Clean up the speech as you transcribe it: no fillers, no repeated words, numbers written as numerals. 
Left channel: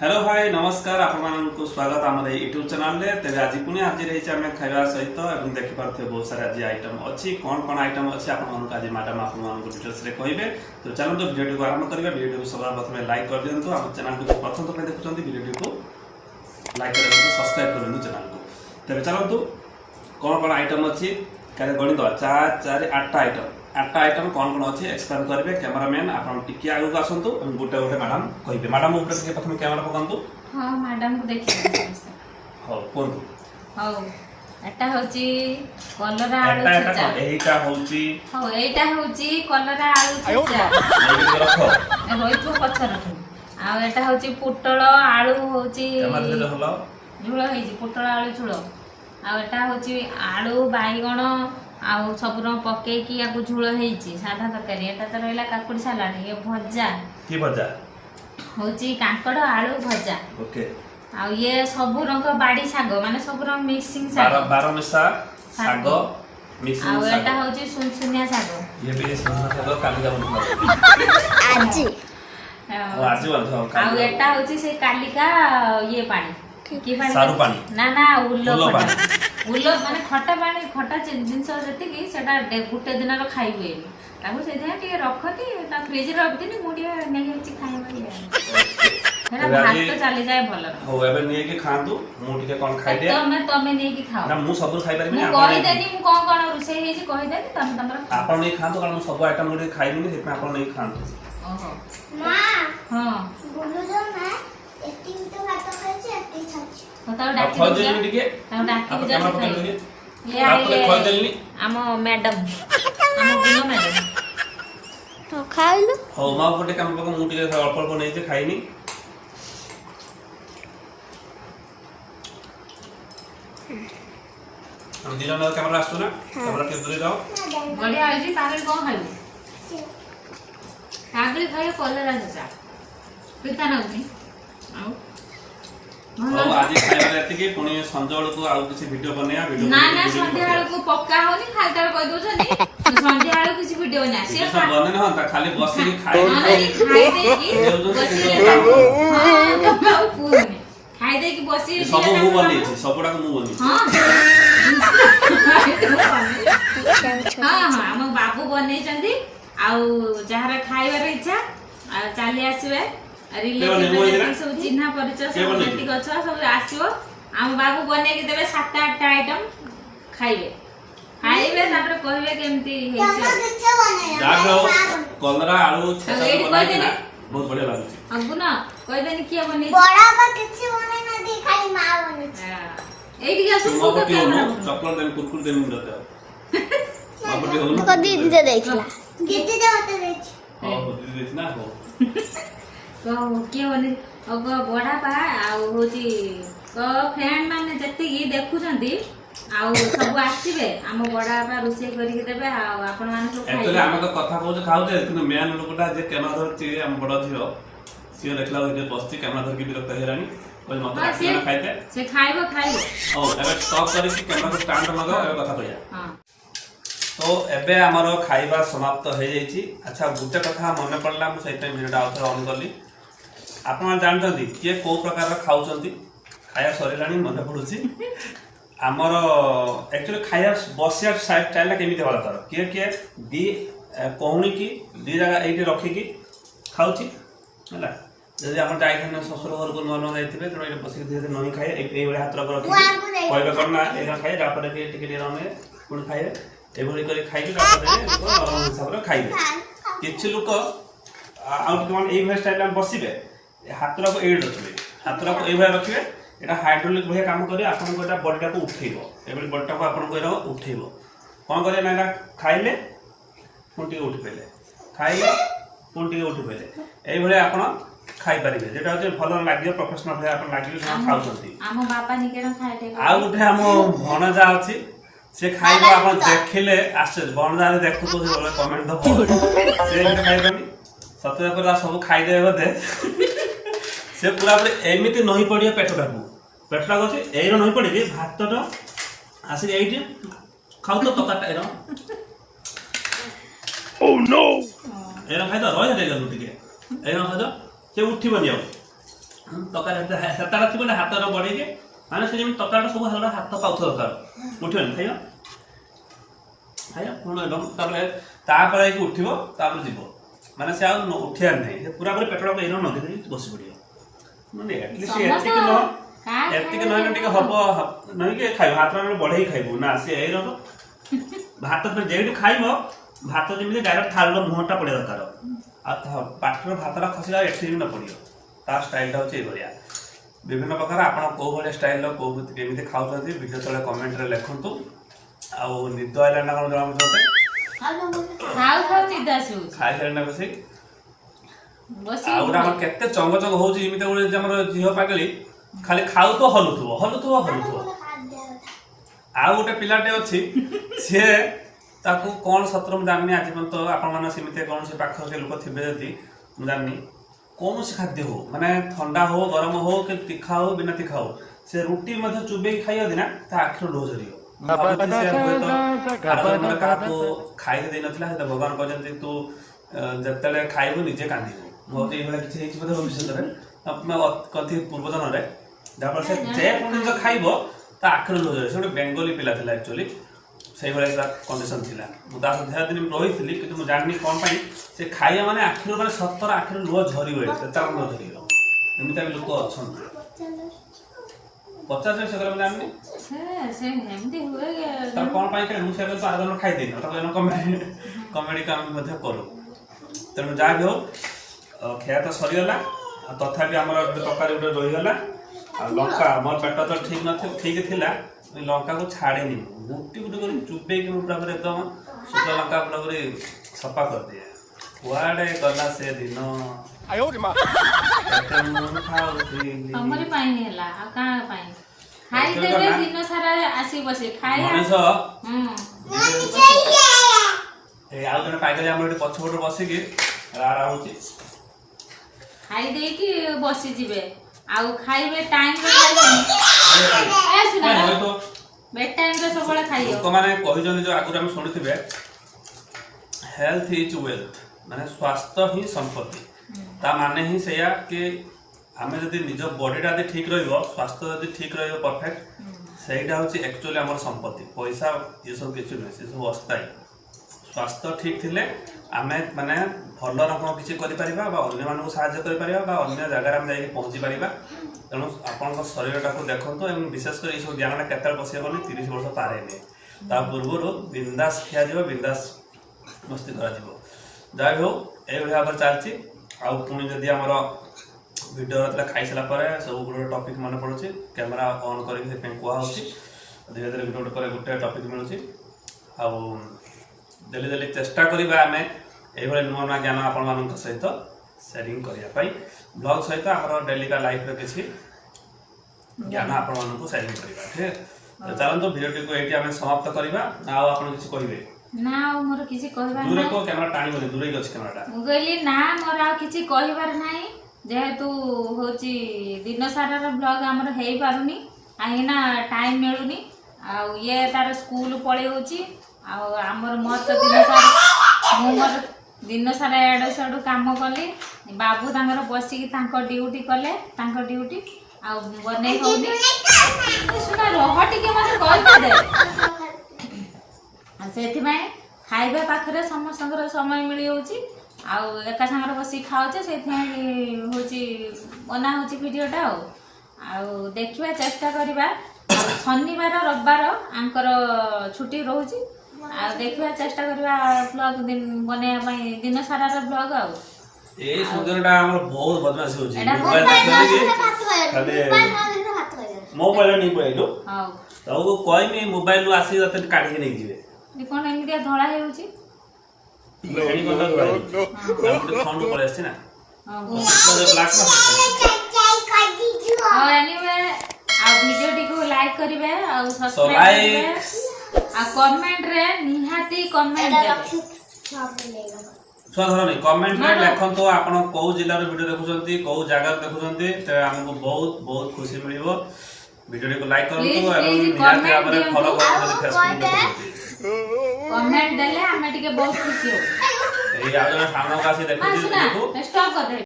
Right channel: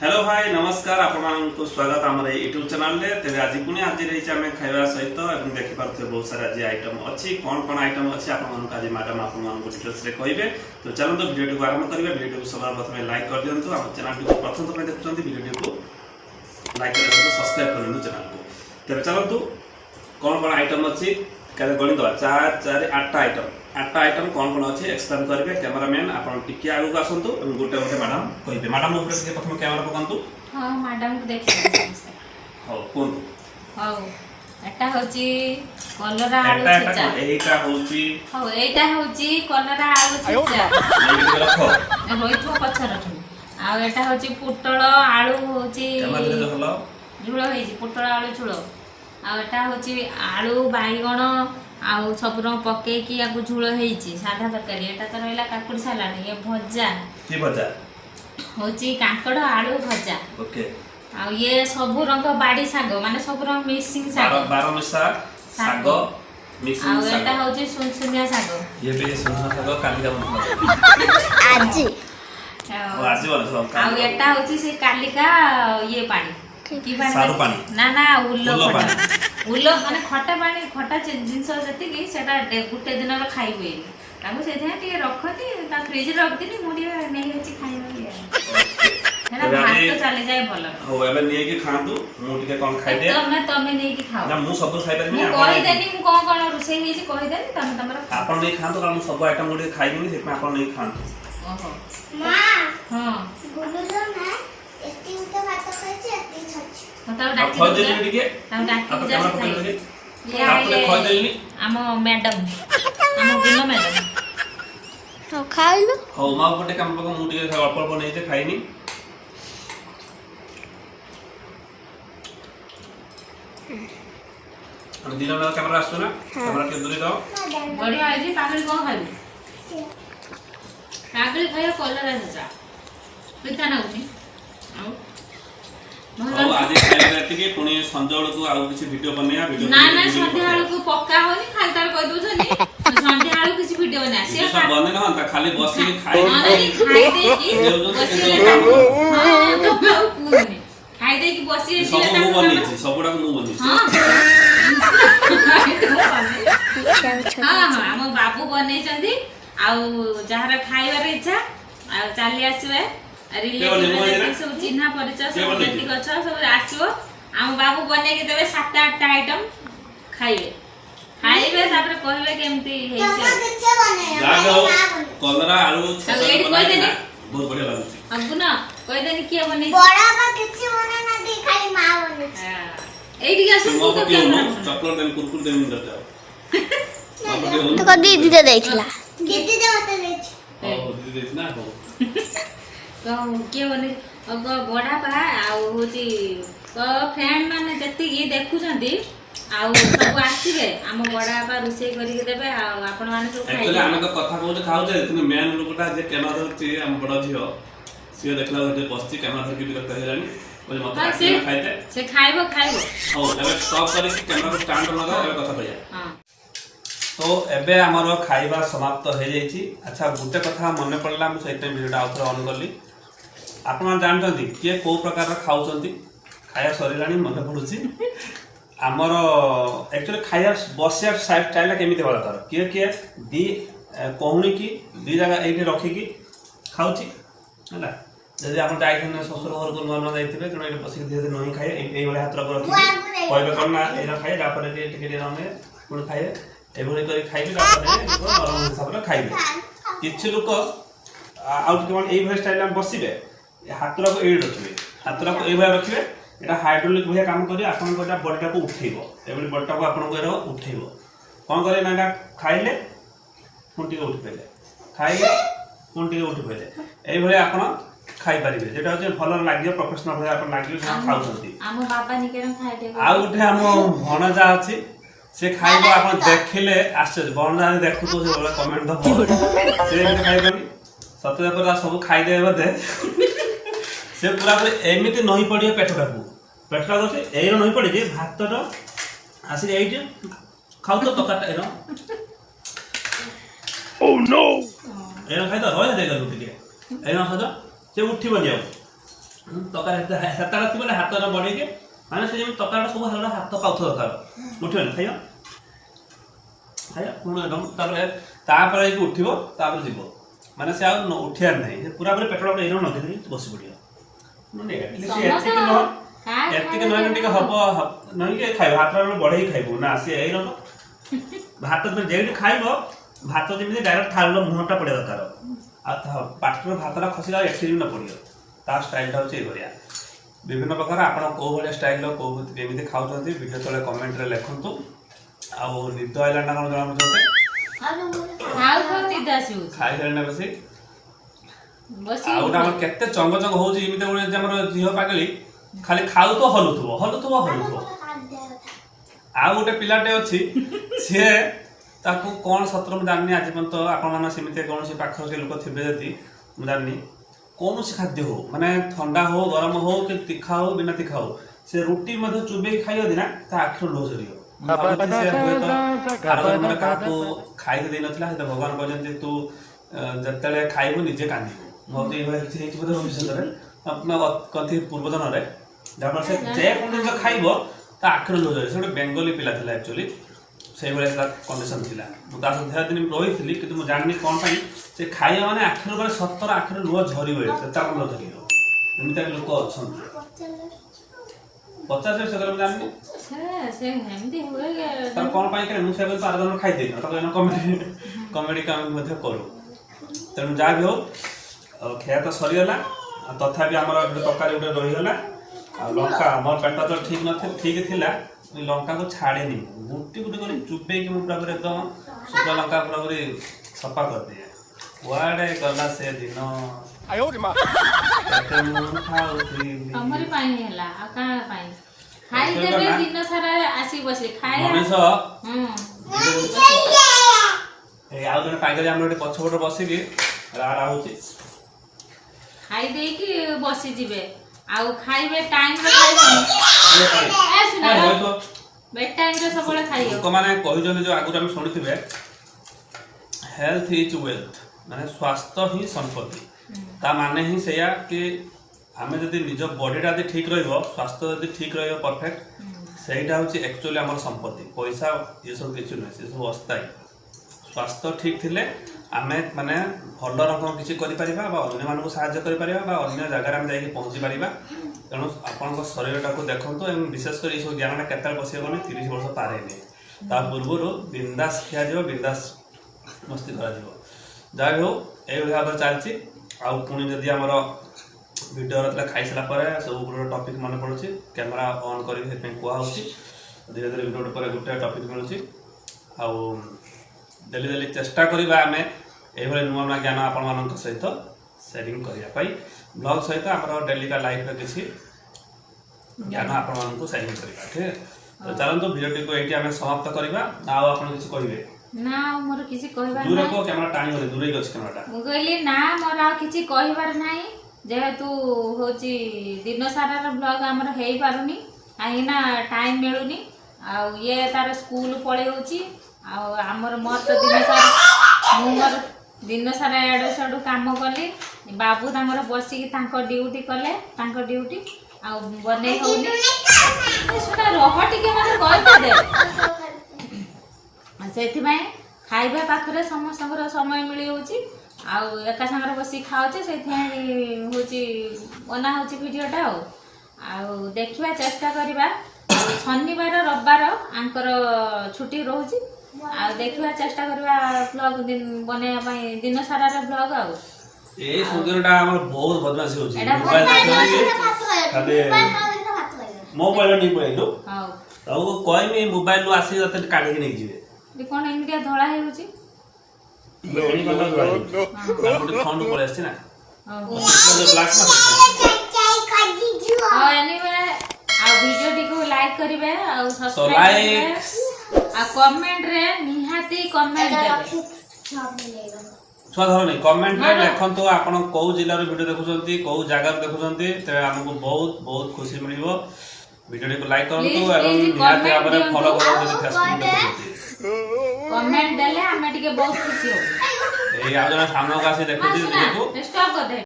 hello भाई नमस्कार आपको स्वागत आम यूट्यूब चैनल रे तेरे आज पुणी आज रही आम खाଇବା सहित एवं देखि पारथे बहुत सारा आज आइटम अच्छी कौन कौन आइटम अच्छी आपको आज मैडम आपको डिटेल्स रे कहिबे तो चलନ୍ତୁ वीडियो को आरंभ करिबा वीडियो को सबा प्रथमे लाइक कर दियंतु आप चैनल को प्रथम तो देखुछंती वीडियो को लाइक कर सब्सक्राइब कर दियंतु चैनल को तेरे चलନ୍ତୁ कौन कौन आइटम अच्छी काले गणित 4 4 8 आइटम 8 आइटम कौन कौन अच्छी एक्सप्लेन करेंगे कैमरामैन आपन टिके आगु आसंतु एवं गोटे गोटे मैडम कहिबे मैडम ऊपर से प्रथम कैमरा पकांतु हां मैडम को देखिए हो कोन हो एटा होची कलरा आलू छचा एहीटा होची हो एटा होची कलरा आलू छचा ए होइतो पछर आ एटा होची पुटळ आलू होची झुळ हेजी पुटळ आलू झुळ आ एटा होची आलू बाईगण आउ सब रंग पके की आगु झुळ हेजी साधा तरकारी एटा त रहला काकुड़ी सलाड ये भजा की भजा होची काकड़ आलू भजा ओके आ ये सब रंग बाड़ी साग माने सब रंग मिक्सिंग साग 12 मिसा साग मिक्सिंग आ साग एटा होची सुनसुनिया साग ये भी सुनसुनिया साग काली का बनता आज आज वाला आ एटा होची से कालिका ये पानी की सारू पानी ना ना उल्लो खटा उल्लो माने खटा पानी खटा जिंस जति की सेटा गुटे दिन रो खाई हुए ताको से थे टिके रखती ता फ्रिज रे रख दिनी मुडिया नहीं अछि खाइबा हेना भात तो चले जाए भलर हो एबे निए के खांतु मु टिके कोन खाइ दे तमे नहीं की खाओ ना मु सब खाइ परबे मु कहि देनी मु कोन कोन रुसई हे जी कहि देनी तमे तमरा आपन नहीं खांतु कारण सब आइटम गुडी खाइबे से आपन नहीं खांतु ओहो मां हां बोलो जो ना एती उते भात खाइछि एती खाइछि बताओ डाकी खोज देनी टिके ताऊ डाकी जा से खाइ ले आपने खोज देनी आमो मैडम आमो गुनो मैडम तो खाइलो हो मा पटे काम पको मु टिके अल्प अल्प नहीं जे खाइनी हम दिनो ना कैमरा आसु ना कैमरा के दूर जाओ बढ़िया है जी पागल को खाइबो पागल खाइयो कलरा जचा पिता ना उनी आउ हो आज खाइबा राति के पुनी संजोळ को आउ किछि वीडियो बनेया वीडियो ना ना संध्या वाला को पक्का होनी खालतार कह दो जनी संध्या वाला किछि वीडियो बना से सब बने ना ता खाली बस के खाइ दे की बसी सब मु बनी सबडा को मु बनी हां हां हां हम बाबू बनै जंदी आउ जहारा खाइबार इच्छा आ चली आसीबे रिलेटिव सब चिन्हा परिचय सब जति गछ सब आसीबो हम बाबू बनै के देबे 7 8 आइटम खाइबे खाइबे तापर कहबे केमती हेछि किछे बनाया जा जाओ कलरा आलू अब एडी कह देनी बहुत बढ़िया लाଗୁଛି अब ना कह देनी किया बनै बड़ा बा किछे बना ना दे खाली मां बने एडी के सब मो पके चॉकलेट देम कुरकुर देम दते तो कदी दीदी देइछला दीदी दे मते देछ हो दीदी देछ ना हो तो किया बनै अब बड़ा बा आउ होची तो फ्रेंड माने जति की देखुछंती आउ सब आसीबे हम बड़ा बा रुसे करी के देबे आ आपण माने सब खाइ एक्चुअली आमे तो कथा कहू खाऊ जे मेन लोकटा जे कैमरा धरछि हम बड़ झियो से देखला जे पस्ती कैमरा धर के विरक्त हेलानी बोले मत खाइते से खाइबो ओ एबे स्टॉप करी कैमरा को स्टैंड लगा एबे कथा कहया हां तो एबे हमरो खाइबा समाप्त हो जाईची अच्छा गुटे कथा मन पड़ला हम सहित वीडियो आउथर ऑन करली आपण जानतंती के को प्रकार खाउचंती खाया सरीरानी मन पडुची हमर एक्चुअली खाया बसिया स्टाइल केमिति होला तर के दी कोहुनी की दी जगह एठी रखी की खाउची हला जदि हम जाइथने ससुर घर को नन जाइतबे जण ए बसी धीरे धीरे नहीं खाए एई वाला हाथ रख रखी कहबे करना एरा खाए जापर टिके टिके रने पुण खाए एभली करी खाइके जापर हिसाब खाइबे किछि लोक आउट केवन एई भाई स्टाइल में बसिबे हाथ रख एई रखिबे हाथ रख एई भाई रखिबे एटा हाइड्रोलिक भया काम करी आपन कोटा बॉडीटा को उठेइबो एबली बॉडीटा को आपन को उठेइबो कोन करे ना खाइले पुंटी को उठी पेले खाइले पुंटी को उठी पेले एई भले आपन खाइ परिबे जेटा जे भलो लागियो प्रोफेशनल भया आपन लागियो सब खाउछंती हम बापा निकेरम खाइ दे आ उठे हम भणजा अछि से खाइबो आपन देखिले आसे भणजा देखु तो से बोले कमेंट दो से खाइबनी सतरे पर सब खाइ दे बदे से पूरा एमिति नहीं पड़िया पेटटा को पेटटा गछि एरो नहीं पड़ी जे भात तो आसी जाई जे खाउ तो तकाटा एरो ओ नो एरो खाइ तो रह दे गलु टिके एरो खाइ तो से उठिबनी ତରକାରୀ ସେତେଟା ଥିବ ନା ହାତର ବଢେଇକି ମାନେ ସେ ଯେମିତି ତରକାରୀଟା ସବୁ ହାଲକା ହାତ ପାଉଥିବା ଦରକାର ଉଠିବନି ଖାଇବ ଖାଇବ ପୁଣି ତାପରେ ତାପରେ ଯାଇକି ଉଠିବ ତାପରେ ଯିବ ମାନେ ସେ ଆଉ ଉଠିବାର ନାହିଁ ସେ ପୁରା ପୁରି ପେଟଟା ଏଇନ ନଗେଇ ଦେଇକି ବସି ପଡ଼ିବ ମାନେ ଏତିକି ନହେଲେ ଟିକେ ହବ ନହେଲେ ଖାଇବ ହାତଟା ବଢେଇକି ଖାଇବ ନା ସେ ଏଇ ରକ ଭାତ ଯେଇଠି ଖାଇବ ଭାତ ଯେମିତି ଡାଇରେକ୍ଟ ଥାଳିର ମୁହଁଟା ପଡ଼ିବା ଦରକାର ଆଉ ପାଟିର ଭାତଟା ଖସିଲା ଏଠି ବି ନ ପଡ଼ିବ ତା ଷ୍ଟାଇଲଟା ହେଉଛି ଏଇଭଳିଆ ବିଭିନ୍ନ ପ୍ରକାର ଆପଣ କେଉଁ ଭଳିଆ ଷ୍ଟାଇଲର କେଉଁ କେମିତି ଖାଉଛନ୍ତି ଭିଡ଼ିଓ ତଳେ କମେଣ୍ଟରେ ଲେଖନ୍ତୁ ଆଉ ନିଦ ଆଇଲା ନା କ'ଣ ଜଣାପଡ଼ୁଛନ୍ତି ଖାଇସାରିଲା ନା ବସି ଆଉ ଗୋଟେ ଆମର କେତେ ଚଙ୍ଗ ଚଙ୍ଗ ହେଉଛି ଏମିତି ଗୋଟେ ଆମର ଝିଅ ପାଗଳି ଖାଲି ଖାଉଥିବ ହଲୁଥିବ ଆଉ ଗୋଟେ ପିଲାଟେ ଅଛି ସିଏ ତାକୁ କ'ଣ ସତରେ ମୁଁ ଜାଣିନି ଆଜି ପର୍ଯ୍ୟନ୍ତ ଆପଣମାନେ ସେମିତି କୌଣସି ପାଖରେ ଲୋକ ଥିବେ ଯଦି ମୁଁ ଜାଣିନି କୌଣସି ଖାଦ୍ୟ ହଉ ମାନେ ଥଣ୍ଡା ହଉ ଗରମ ହଉ କି ତୀଖା ହଉ ବିନା ତୀଖା ହଉ ସେ ରୁଟି ମଧ୍ୟ ଚୁବେଇକି ଖାଇବ ନା ତା ଆଖିରୁ ଲୁହ ଝରିବ କାହାକୁ ଖାଇକି ଦେଇନଥିଲା ସେଟା ଭଗବାନ କହିଛନ୍ତି ତୁ ଯେତେବେଳେ ଖାଇବୁ ନିଜେ କାନ୍ଦିବୁ ମୋର ଏଇଭଳିଆ କିଛି ହେଇଛି ବୋଧେ ଭବିଷ୍ୟତରେ କନ୍ତି ପୂର୍ବଜନରେ ଯାହାଫଳରେ ସେ ଯେକୌଣସି ଜିନିଷ ଖାଇବ ତା ଆଖିରୁ ଲୁହ ଝରିବ ସେ ଗୋଟେ ବେଙ୍ଗଲୀ ପିଲା ଥିଲା ଆକ୍ଚୁଆଲି ସେଇଭଳିଆ ତା କଣ୍ଡିସନ ଥିଲା ମୁଁ ତା ସହିତ ଦିନ ରହିଥିଲି କିନ୍ତୁ ମୁଁ ଜାଣିନି କ'ଣ ପାଇଁ ସେ ଖାଇବା ମାନେ ଆଖିରୁ ମାନେ ସତର ଆଖିରୁ ଲୁହ ଝରିବ ତା ଲୁହ ଝରିବ ଏମିତି ଲୋକ ଅଛନ୍ତି ପଚାଶ ସେ କଥା ମୁଁ ଜାଣିନି ତାର କ'ଣ ପାଇଁ ଖାଲି ମୁଁ ସେ ଆର ଜଣ ଖାଇଦେଇନି ତାକୁ କମେଡି ମଧ୍ୟ କରୁ ତେଣୁ ଯାହା ବି ହଉ ଖିଆ ତ ସରିଗଲା ଆଉ ତଥାପି ଆମର ଗୋଟେ ତରକାରୀ ଗୋଟେ ରହିଗଲା ଆଉ ଲଙ୍କା ଆମର ପେଟ ତ ଠିକ ଥିଲା ଲଙ୍କାକୁ ଛାଡ଼ିନି ଗୁଟି ଗୁଟି କରି ଚୁବେଇକି ମୁଁ ପୁରା ପୁରି ଏକଦମ ଶୁଖିଲା ଲଙ୍କା ପୁରା ପୁରି ସଫା କରିଦିଏ କୁଆଡ଼େ ଗଲା ସେ ଦିନ ମଣିଷ ଆଉ ଜଣେ ପାଇଗଲି ଆମର ଏଠି ପଛପଟେ ବସିକି ରାଡା ହଉଛି ଖାଇ ଦେଇକି ବସିଯିବେ ଆଉ ଖାଇବେ ଟାଇମରେ ଲୋକମାନେ କହିଛନ୍ତି ଯୋଉ ଆଗରୁ ଆମେ ଶୁଣିଥିବେ ହେଲ୍ଥ ଇଜ୍ ୱେଲ୍ଥ ମାନେ ସ୍ୱାସ୍ଥ୍ୟ ହିଁ ସମ୍ପତ୍ତି ତା ମାନେ ହିଁ ସେଇଆ କି ଆମେ ଯଦି ନିଜ ବଡିଟା ଯଦି ଠିକ ରହିବ ସ୍ୱାସ୍ଥ୍ୟ ଯଦି ଠିକ ରହିବ ପରଫେକ୍ଟ ସେଇଟା ହେଉଛି ଆକ୍ଚୁଆଲି ଆମର ସମ୍ପତ୍ତି ପଇସା ଏସବୁ କିଛି ନୁହେଁ ସେସବୁ ଅସ୍ଥାୟୀ ସ୍ୱାସ୍ଥ୍ୟ ଠିକ ଥିଲେ ଆମେ ମାନେ ଭଲ ରକମ କିଛି କରିପାରିବା ବା ଅନ୍ୟମାନଙ୍କୁ ସାହାଯ୍ୟ କରିପାରିବା ବା ଅନ୍ୟ ଜାଗାରେ ଆମେ ଯାଇକି ପହଞ୍ଚି ପାରିବା ତେଣୁ ଆପଣଙ୍କ ଶରୀରଟାକୁ ଦେଖନ୍ତୁ ଏବଂ ବିଶେଷ କରି ଏସବୁ ଜ୍ଞାନଟା କେତେବେଳେ ପଶିବନି 30 ବର୍ଷ ପାର ହେଇନି ତା ପୂର୍ବରୁ ବିନ୍ଦାସ ଖିଆଯିବ ବିନ୍ଦାସ ମସ୍ତି କରାଯିବ ଯାହା ବି ହଉ ଏଇଭଳି ଭାବରେ ଚାଲିଛି ଆଉ ପୁଣି ଯଦି ଆମର ଭିଡ଼ିଓ ଯେତେବେଳେ ଖାଇସାରିଲା ପରେ ସବୁ ଗୋଟେ ଟପିକ୍ ମନେ ପଡ଼ୁଛି କ୍ୟାମେରା ଅନ୍ କରିକି ସେଥିପାଇଁ କୁହାହେଉଛି ଧୀରେ ଧୀରେ ଗୋଟେ ପରେ ଗୋଟେ ଟପିକ୍ ମିଳୁଛି ଆଉ ଡେଲି ଚେଷ୍ଟା କରିବା ଆମେ ଏଇଭଳି ନୂଆ ନୂଆ ଜ୍ଞାନ ଆପଣମାନଙ୍କ ସହିତ ସେୟାରିଂ କରିବା ପାଇଁ ବ୍ଲଗ୍ ସହିତ ଆମର ଡେଲିକା ଲାଇଫ୍ର କିଛି ଜ୍ଞାନ ଆପଣମାନଙ୍କୁ ସେୟାରିଂ କରିବା ଠିକ୍ ଚାଲନ୍ତୁ ଭିଡ଼ିଓଟିକୁ ଏଇଠି ଆମେ ସମାପ୍ତ କରିବା ଆଉ ଆପଣ କିଛି କହିବେ ନା ଆଉ ମୋର କିଛି କହିବାର ଦୂରରେ କୋ କ୍ୟାମେରା ଟାଣିବନି ଦୂରେଇ ଅଛି କ୍ୟାମେରାଟା ମୁଁ କହିଲି ନା ମୋର ଆଉ କିଛି କହିବାର ନାହିଁ ଯେହେତୁ ହଉଛି ଦିନ ସାରାର ବ୍ଲଗ ଆମର ହେଇପାରୁନି କାହିଁକି ନା ଟାଇମ୍ ମିଳୁନି ଆଉ ଇଏ ତାର ସ୍କୁଲ ପଳେଇଉଛି ଆଉ ଆମର ମୋର ତ ମୁଁ ମୋର ଦିନ ସାରା ଏଡ଼ୁ ସେଡ଼ୁ କାମ କଲି ବାବୁ ତାଙ୍କର ବସିକି ତାଙ୍କ ଡ୍ୟୁଟି କଲେ ତାଙ୍କ ଡ୍ୟୁଟି ଆଉ ବନେଇ ହଉନି ଶୁଣ ରହ ଟିକେ ମୋତେ କହିଦେ ସେଥିପାଇଁ ଖାଇବା ପାଖରେ ସମସ୍ତଙ୍କର ସମୟ ମିଳିଯାଉଛି ଆଉ ଏକା ସାଙ୍ଗରେ ବସିକି ଖାଉଛେ ସେଇଥିପାଇଁ ହଉଛି ବନା ହେଉଛି ଭିଡ଼ିଓଟା ଆଉ ଦେଖିବା ଚେଷ୍ଟା କରିବା ଶନିବାର ରବିବାର ଆଙ୍କର ଛୁଟି ରହୁଛି ଆଉ ଦେଖିବା ଚେଷ୍ଟା କରିବା ବ୍ଲଗ ବନେଇବା ପାଇଁ ଦିନ ସାରାର ବ୍ଲଗ ଆଉ ଏଇ ସୁନ୍ଦରଟା ଆମର ବହୁତ ବଦମାସି ହଉଛି ମୋବାଇଲ ନେଇ ପଳେଇଲୁ ଆଉ କହିନି ମୋବାଇଲରୁ ଆସିକି ତତେ କାଢିକି ନେଇଯିବେ କଣ ଏମିତିଆ ଧଳା ହେଉଛି ଭିଡ଼ିଓଟିକୁ ଲାଇକ୍ କରିବେ ଆଉ ସବସ୍କ୍ରାଇବ କରିବେ ଆଉ କମେଣ୍ଟରେ ନିହାତି କମେଣ୍ଟ ଦେବେ ଛୁଆ ଧରନି କମେଣ୍ଟରେ ଲେଖନ୍ତୁ ଆପଣ କୋଉ ଜିଲ୍ଲାର ଭିଡ଼ିଓ ଦେଖୁଛନ୍ତି କୋଉ ଜାଗାରୁ ଦେଖୁଛନ୍ତି ତେବେ ଆମକୁ ବହୁତ ବହୁତ ଖୁସି ମିଳିବ ଭିଡ଼ିଓଟିକୁ ଲାଇକ୍ କରନ୍ତୁ ଏବଂ ନିହାତି ଭାବରେ ଫଲୋ କରନ୍ତୁ ଯଦି ଫେସବୁକ୍ ଦେଖୁଛନ୍ତି କମେଣ୍ଟ ଦେଲେ ଆମେ ଟିକେ ବହୁତ ଖୁସି ହବୁ ଏଇ ଆଉ ଜଣେ ସାମନାକୁ ଆସି ଦେଖୁଛି ଷ୍ଟପ୍ କରିଦେ